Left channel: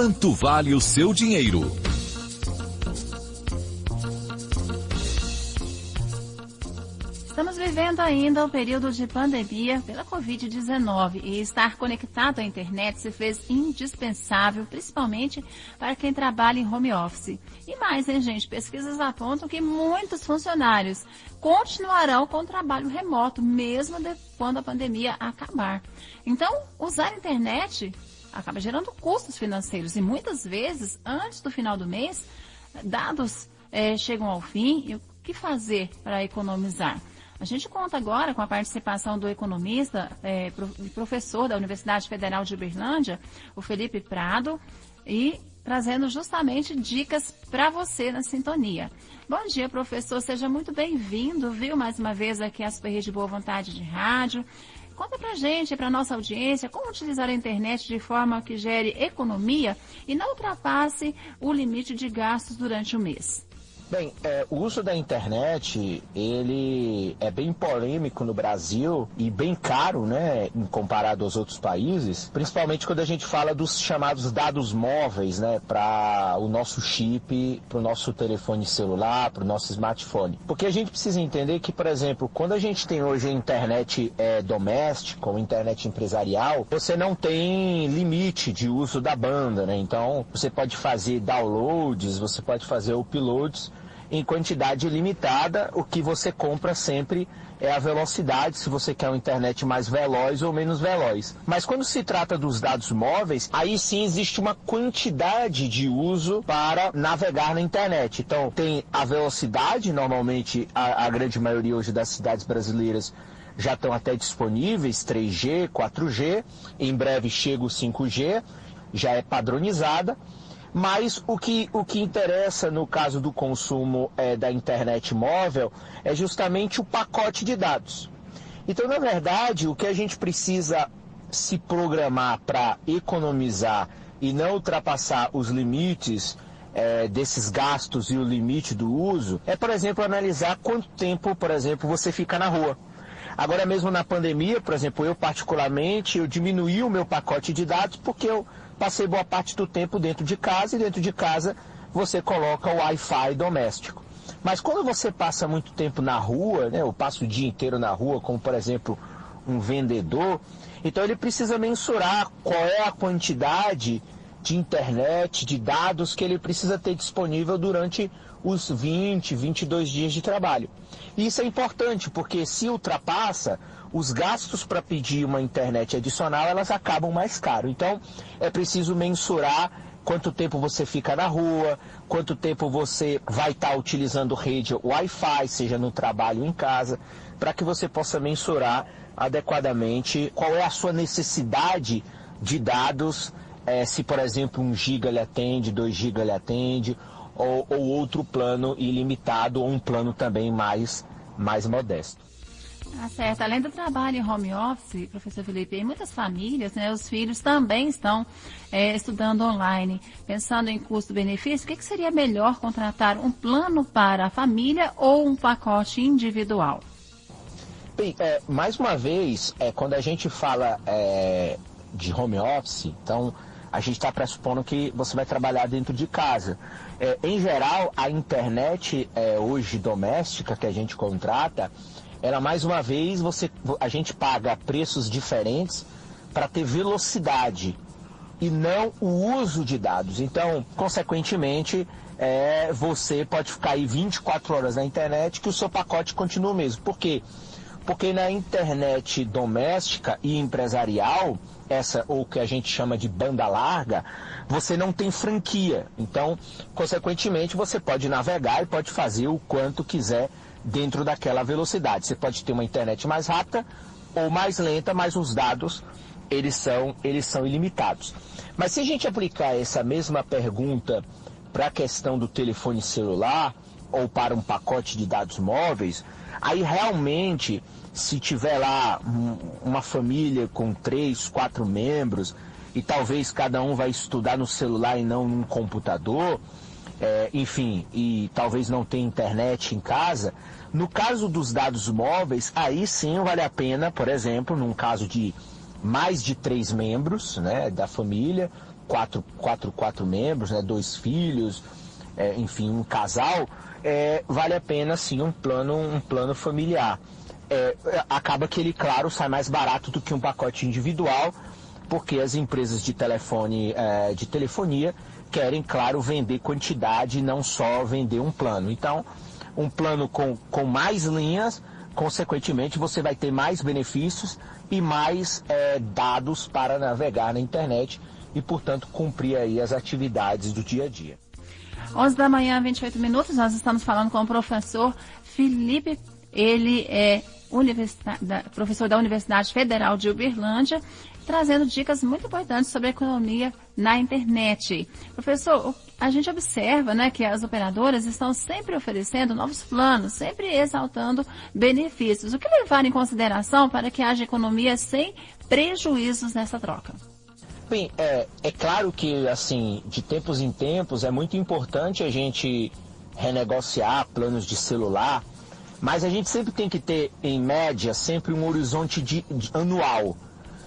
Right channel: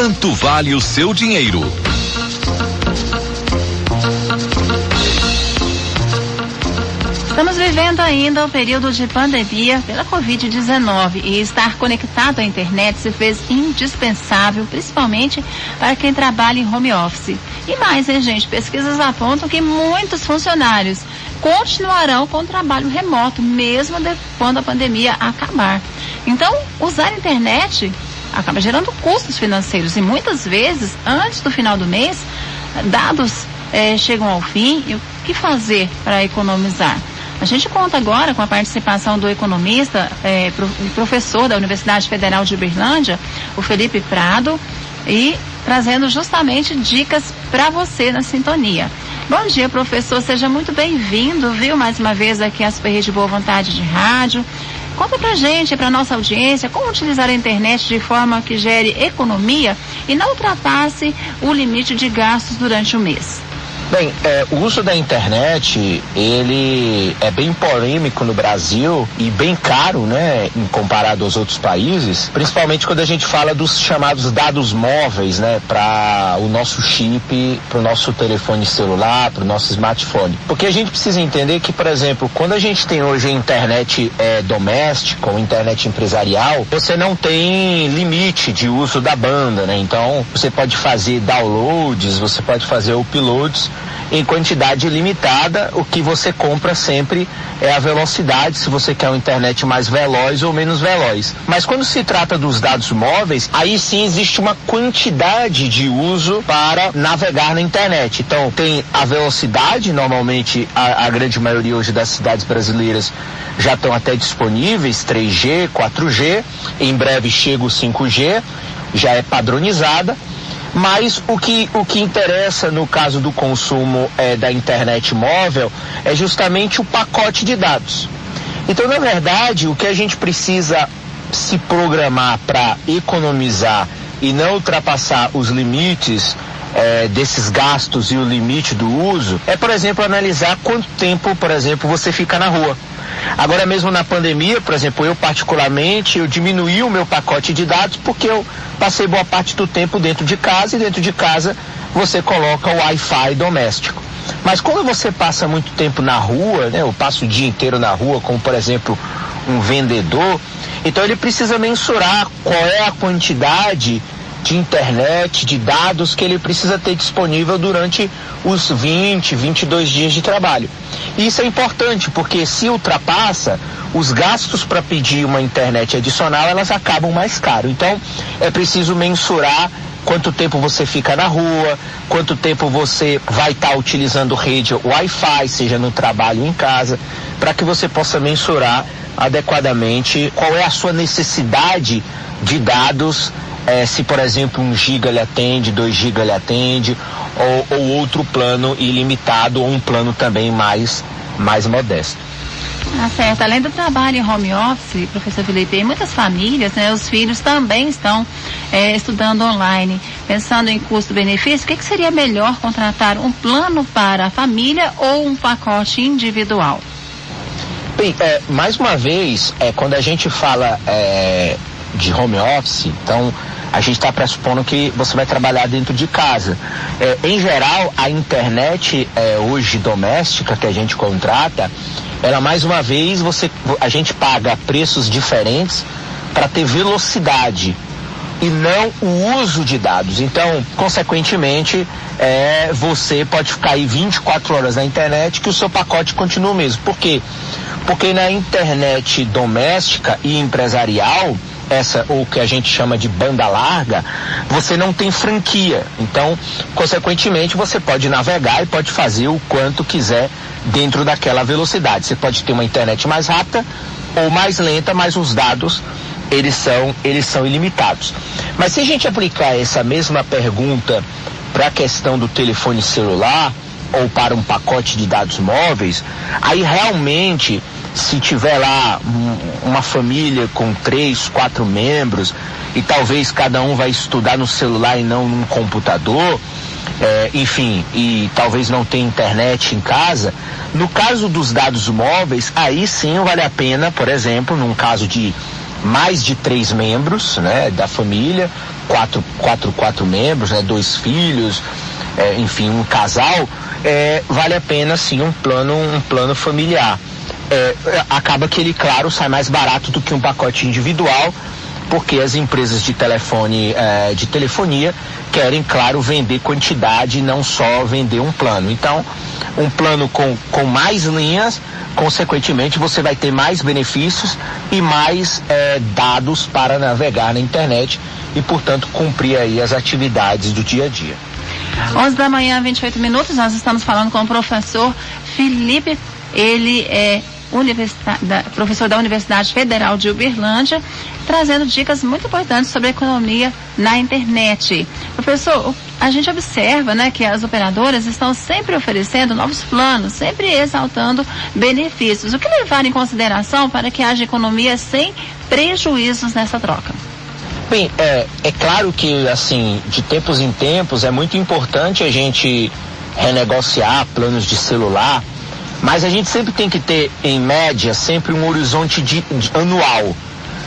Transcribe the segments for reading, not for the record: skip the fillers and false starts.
Quanto vale o seu dinheiro? Estamos vivendo ainda um período de pandemia pela Covid-19 e estar conectado à internet se fez indispensável, principalmente para quem trabalha em home office. E mais, hein, gente? Pesquisas apontam que muitos funcionários continuarão com o trabalho remoto, mesmo quando a pandemia acabar. Então, usar a internet acaba gerando custos financeiros e muitas vezes, antes do final do mês, dados chegam ao fim. E o que fazer para economizar? A gente conta agora com a participação do economista e professor da Universidade Federal de Uberlândia, o Felipe Prado, e trazendo justamente dicas para você na sintonia. Bom dia, professor, seja muito bem-vindo, viu, mais uma vez aqui a Super Rede Boa Vontade de Rádio. Conta pra gente, pra nossa audiência, como utilizar a internet de forma que gere economia e não ultrapasse o limite de gastos durante o mês. Bem, o uso da internet, ele é bem polêmico no Brasil e bem caro, né, em comparado aos outros países, principalmente quando a gente fala dos chamados dados móveis, né, para o nosso chip, para o nosso telefone celular, para o nosso smartphone. Porque a gente precisa entender que, por exemplo, quando a gente tem hoje a internet doméstica ou internet empresarial, você não tem limite de uso da banda, né? Então, você pode fazer downloads, você pode fazer uploads em quantidade limitada. O que você compra sempre é a velocidade, se você quer uma internet mais veloz ou menos veloz. Mas quando se trata dos dados móveis, aí sim existe uma quantidade de uso para navegar na internet. Então tem a velocidade, normalmente a grande maioria hoje das cidades brasileiras já estão até disponíveis, 3G, 4G, em breve chega o 5G, já é padronizada. Mas o que interessa no caso do consumo da internet móvel é justamente o pacote de dados. Então, na verdade, o que a gente precisa se programar para economizar e não ultrapassar os limites desses gastos e o limite do uso é, por exemplo, analisar quanto tempo, por exemplo, você fica na rua. Agora mesmo na pandemia, por exemplo, eu particularmente, eu diminuí o meu pacote de dados porque eu passei boa parte do tempo dentro de casa, e dentro de casa você coloca o Wi-Fi doméstico. Mas quando você passa muito tempo na rua, né, eu passo o dia inteiro na rua, como por exemplo um vendedor, então ele precisa mensurar qual é a quantidade de internet, de dados que ele precisa ter disponível durante os 20, 22 dias de trabalho. E isso é importante, porque se ultrapassa, os gastos para pedir uma internet adicional, elas acabam mais caro. Então, é preciso mensurar quanto tempo você fica na rua, quanto tempo você vai estar utilizando rede Wi-Fi, seja no trabalho ou em casa, para que você possa mensurar adequadamente qual é a sua necessidade de dados, se, por exemplo, 1 giga lhe atende, 2 giga lhe atende, ou outro plano ilimitado, ou um plano também mais modesto. Certo. Além do trabalho em home office, professor Felipe, em muitas famílias, né, os filhos também estão estudando online. Pensando em custo-benefício, o que seria melhor contratar um plano para a família ou um pacote individual? Bem, mais uma vez, quando a gente fala de home office, então a gente está pressupondo que você vai trabalhar dentro de casa. Em geral, a internet hoje doméstica que a gente contrata, ela mais uma vez a gente paga preços diferentes para ter velocidade e não o uso de dados. Então, consequentemente, você pode ficar aí 24 horas na internet que o seu pacote continua o mesmo. Por quê? Porque na internet doméstica e empresarial, essa, ou que a gente chama de banda larga, você não tem franquia. Então, consequentemente, você pode navegar e pode fazer o quanto quiser dentro daquela velocidade. Você pode ter uma internet mais rápida ou mais lenta, mas os dados, eles são ilimitados. Mas se a gente aplicar essa mesma pergunta para a questão do telefone celular ou para um pacote de dados móveis, aí realmente, se tiver lá uma família com 3, 4 membros e talvez cada um vai estudar no celular e não num computador, enfim, e talvez não tenha internet em casa, no caso dos dados móveis, aí sim vale a pena, por exemplo, num caso de mais de 3 membros, né, da família, quatro membros, né, 2 filhos, enfim, um casal, vale a pena sim um plano familiar. Acaba que ele, claro, sai mais barato do que um pacote individual, porque as empresas de telefonia querem, claro, vender quantidade e não só vender um plano. Então, um plano com mais linhas, consequentemente, você vai ter mais benefícios e mais dados para navegar na internet e, portanto, cumprir aí as atividades do dia a dia. 11 da manhã, 28 minutos, nós estamos falando com o professor Felipe, ele é professor da Universidade Federal de Uberlândia, trazendo dicas muito importantes sobre a economia na internet. Professor, a gente observa, né, que as operadoras estão sempre oferecendo novos planos, sempre exaltando benefícios. O que levar em consideração para que haja economia sem prejuízos nessa troca? Bem, é claro que, assim, de tempos em tempos é muito importante a gente renegociar planos de celular, mas a gente sempre tem que ter, em média, sempre um horizonte anual.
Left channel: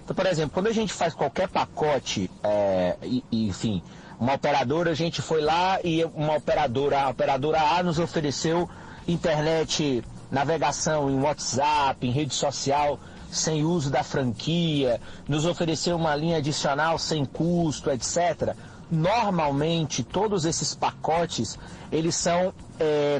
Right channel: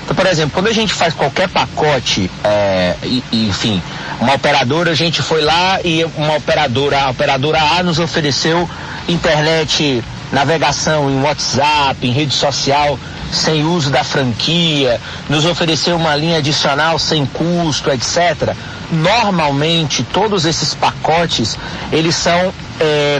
Então, por exemplo, quando a gente faz qualquer pacote, enfim, uma operadora, a gente foi lá e a operadora A nos ofereceu internet, navegação em WhatsApp, em rede social, sem uso da franquia, nos ofereceu uma linha adicional sem custo, etc. Normalmente, todos esses pacotes, eles são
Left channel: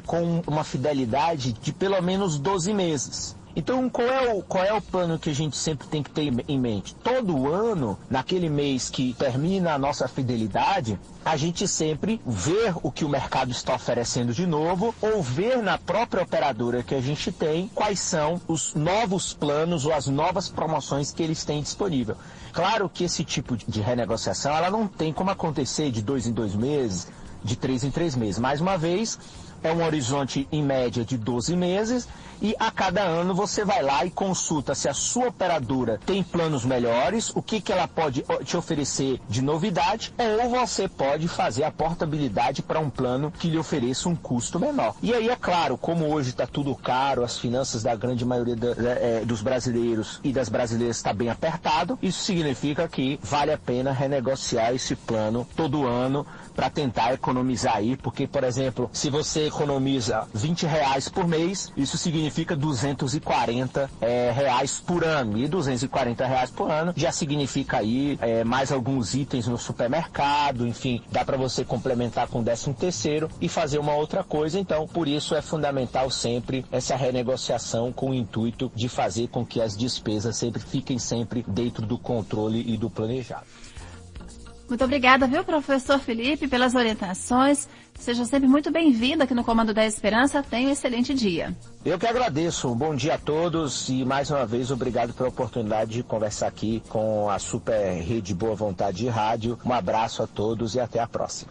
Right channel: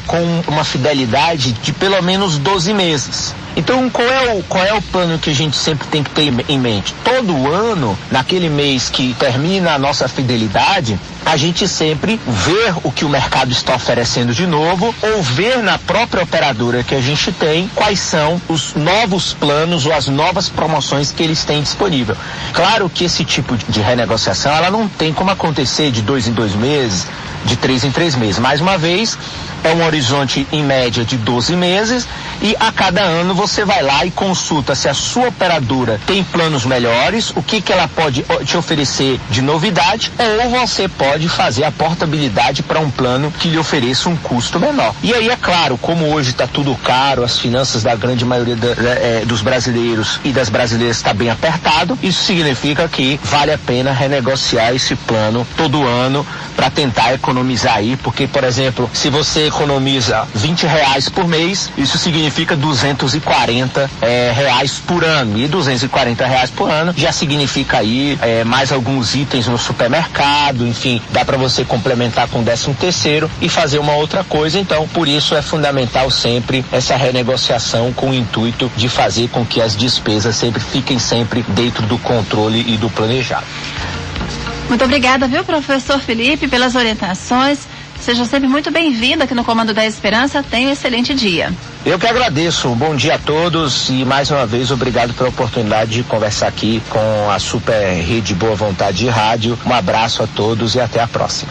com uma fidelidade de pelo menos 12 meses. Então, qual é o plano que a gente sempre tem que ter em mente? Todo ano, naquele mês que termina a nossa fidelidade, a gente sempre ver o que o mercado está oferecendo de novo, ou ver na própria operadora que a gente tem quais são os novos planos ou as novas promoções que eles têm disponível. Claro que esse tipo de renegociação, ela não tem como acontecer de 2 em 2 meses, de 3 em 3 meses. Mais uma vez, é um horizonte em média de 12 meses e a cada ano você vai lá e consulta se a sua operadora tem planos melhores, o que ela pode te oferecer de novidade, ou você pode fazer a portabilidade para um plano que lhe ofereça um custo menor. E aí, é claro, como hoje está tudo caro, as finanças da grande maioria dos brasileiros e das brasileiras está bem apertado, isso significa que vale a pena renegociar esse plano todo ano para tentar economizar aí, porque, por exemplo, se você economiza R$20 por mês, isso significa R$240 por ano, e R$240 por ano já significa aí mais alguns itens no supermercado, enfim, dá para você complementar com 13º e fazer uma outra coisa. Então, por isso é fundamental sempre essa renegociação com o intuito de fazer com que as despesas sempre fiquem sempre dentro do controle e do planejado. Muito obrigada, viu, professor Felipe, pelas orientações. Seja sempre muito bem-vindo aqui no Comando da Esperança. Tenha um excelente dia. Eu que agradeço. Um bom dia a todos e, mais uma vez, obrigado pela oportunidade de conversar aqui com a Super Rede Boa Vontade de Rádio. Um abraço a todos e até a próxima.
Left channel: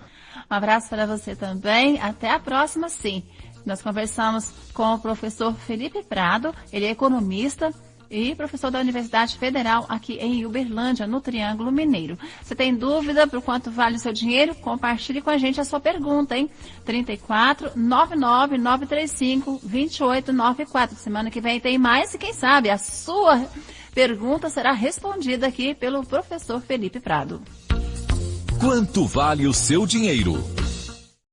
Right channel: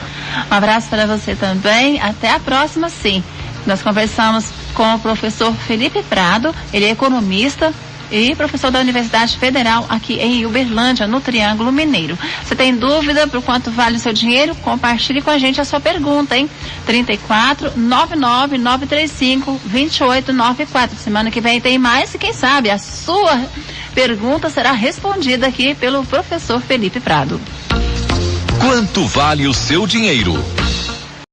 Um abraço para você também. Até a próxima, sim. Nós conversamos com o professor Felipe Prado. Ele é economista e professor da Universidade Federal aqui em Uberlândia, no Triângulo Mineiro. Você tem dúvida por quanto vale o seu dinheiro? Compartilhe com a gente a sua pergunta, hein? 34-99-935-2894. Semana que vem tem mais e quem sabe a sua pergunta será respondida aqui pelo professor Felipe Prado. Quanto vale o seu dinheiro?